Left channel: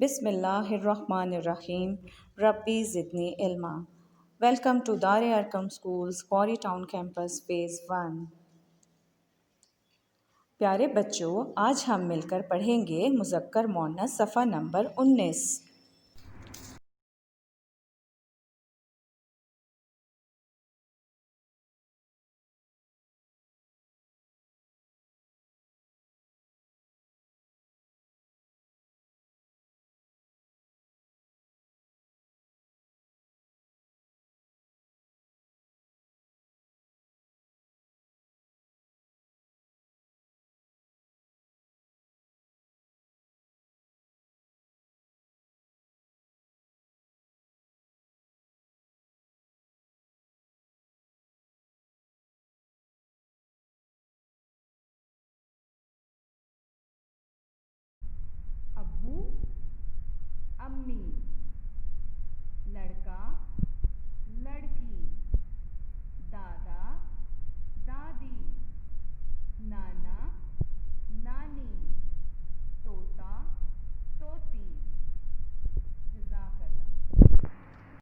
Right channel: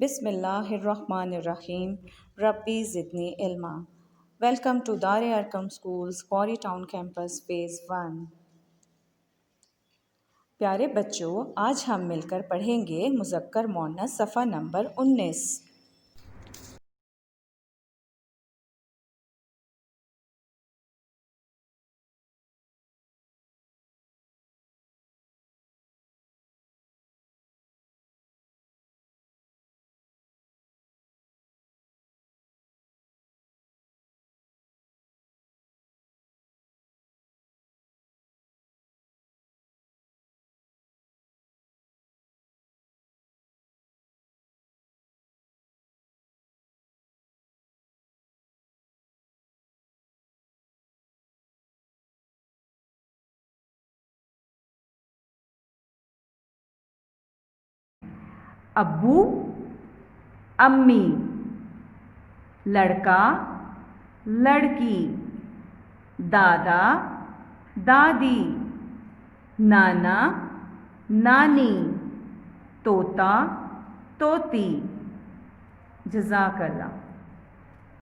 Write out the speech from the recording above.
बिस्मिल्लाहिर्रहमानिर्रहीम। रब्बी ज़िदनी इल्मा। Welcome to दार Arkham schools क्वारी town campus phase 1। प्यारे बच्चों, आज हम मिलकर पढ़ेंगे मुज़क्कर मुअन्नस सफ़ा नंबर 19। अब्बू, अम्मी, लड़का, लड़की, दादा, दादी, नाना, नानी, तोता, तोती। जज़ाकल्लाह।